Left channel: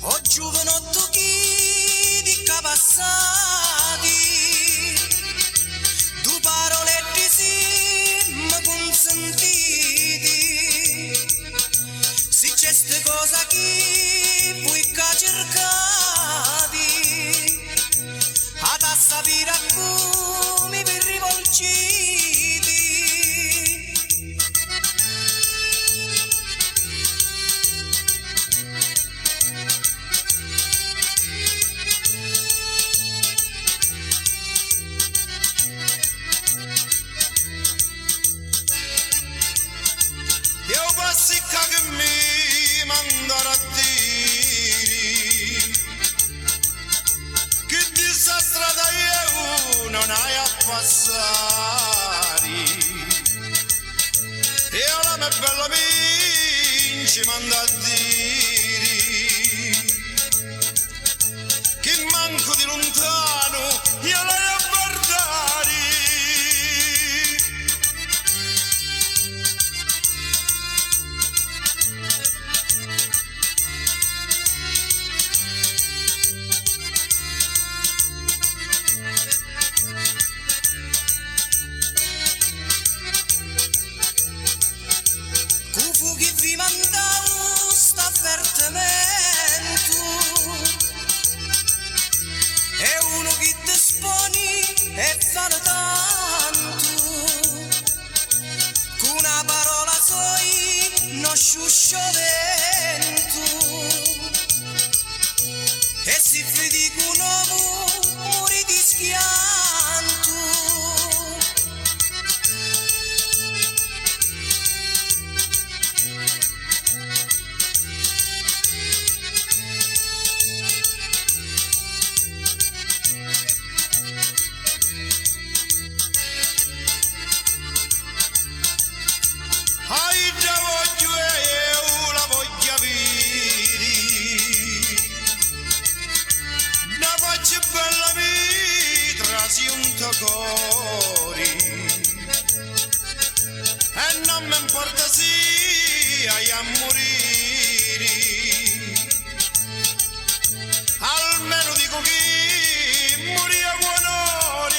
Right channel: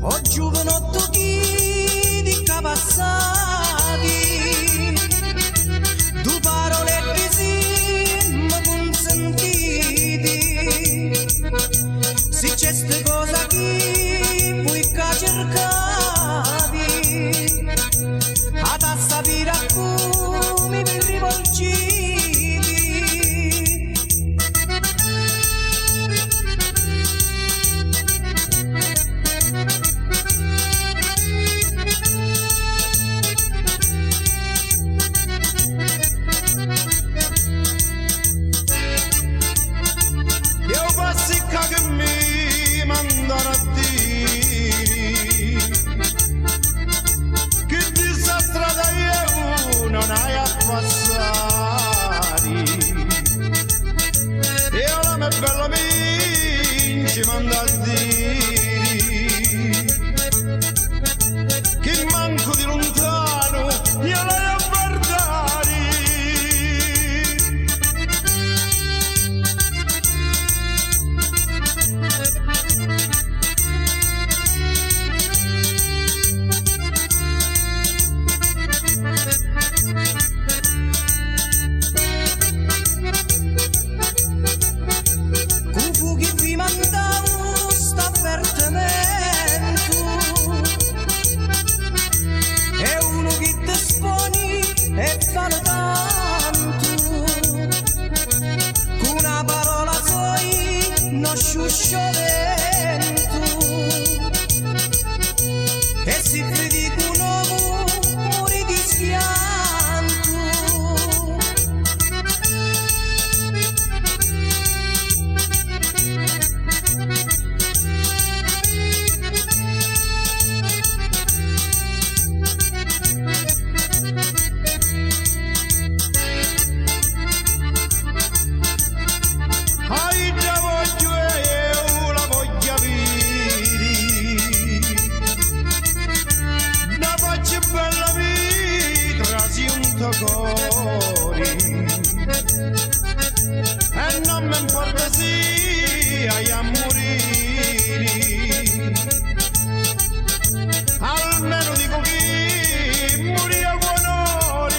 O giovanotto chi di passati, due parole mi consentiti, se c'è ste cosa chi vuoi che cercati, a tassa vira come vi rivolgiti. Io passicca che mi mandano a dire che di sta strada io non hai a passare. Io la mia bella minci manda a dire che manco di lontano io la a guardare. Cufu che vi mandavo sta avvertimento è uno che ti sponi e fanno tanto con una parola soi non sciuscio vento e si vedi che un uomo muore di schianto. Ai già voglio e io la voglio avere, una faccia bella vita si un cuore e non mi importa se hai a morire, almeno dico che morì a buon onore.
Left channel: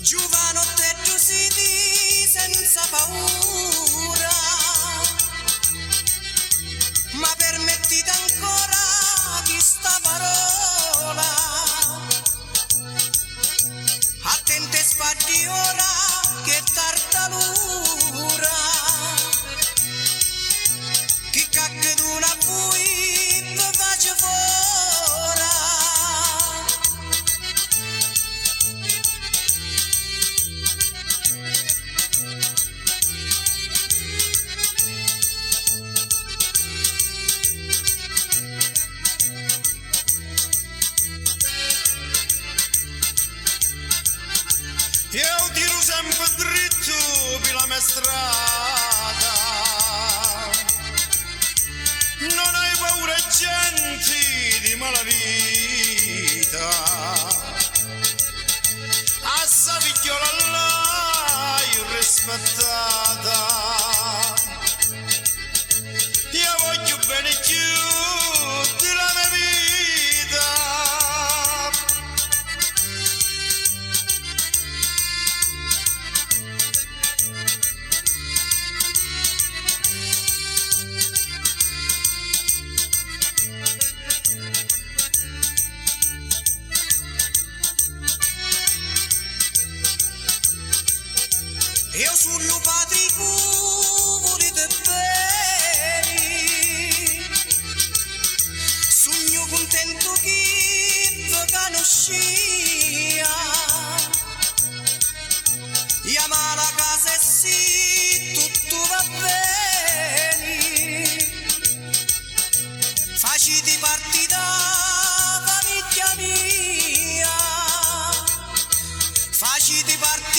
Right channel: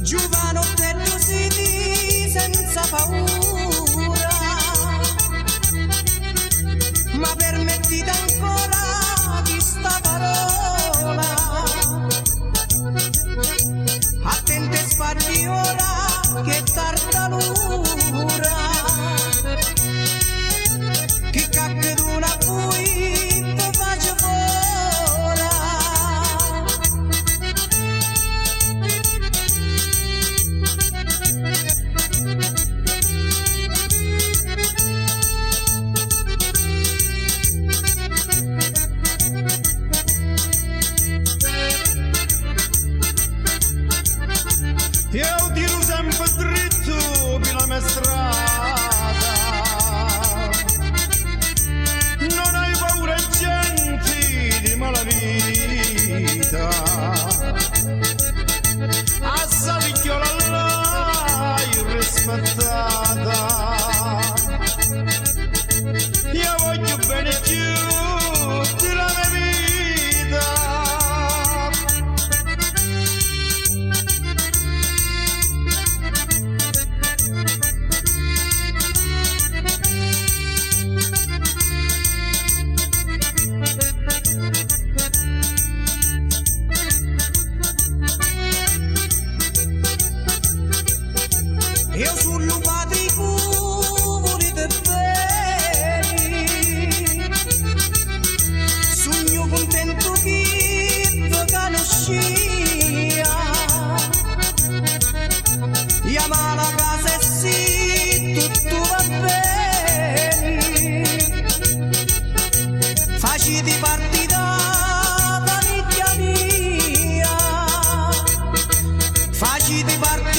Giovanotto si di senza paura, ma permettite ancora di sta parola, attente sfatti ora che tartalura, che caccaduna voi te faccio fuora. Io tiro sempre dritto per la mia strada, non hai paura gente di malavita, a sta figliola l'hai rispettata, io voglio bene più della mia vita. Io sullo patrico volete bene, sogno contento chi vi conoscia, chiama la casa e sì, tutto va bene. Faciti partita famiglia mia, faciti partita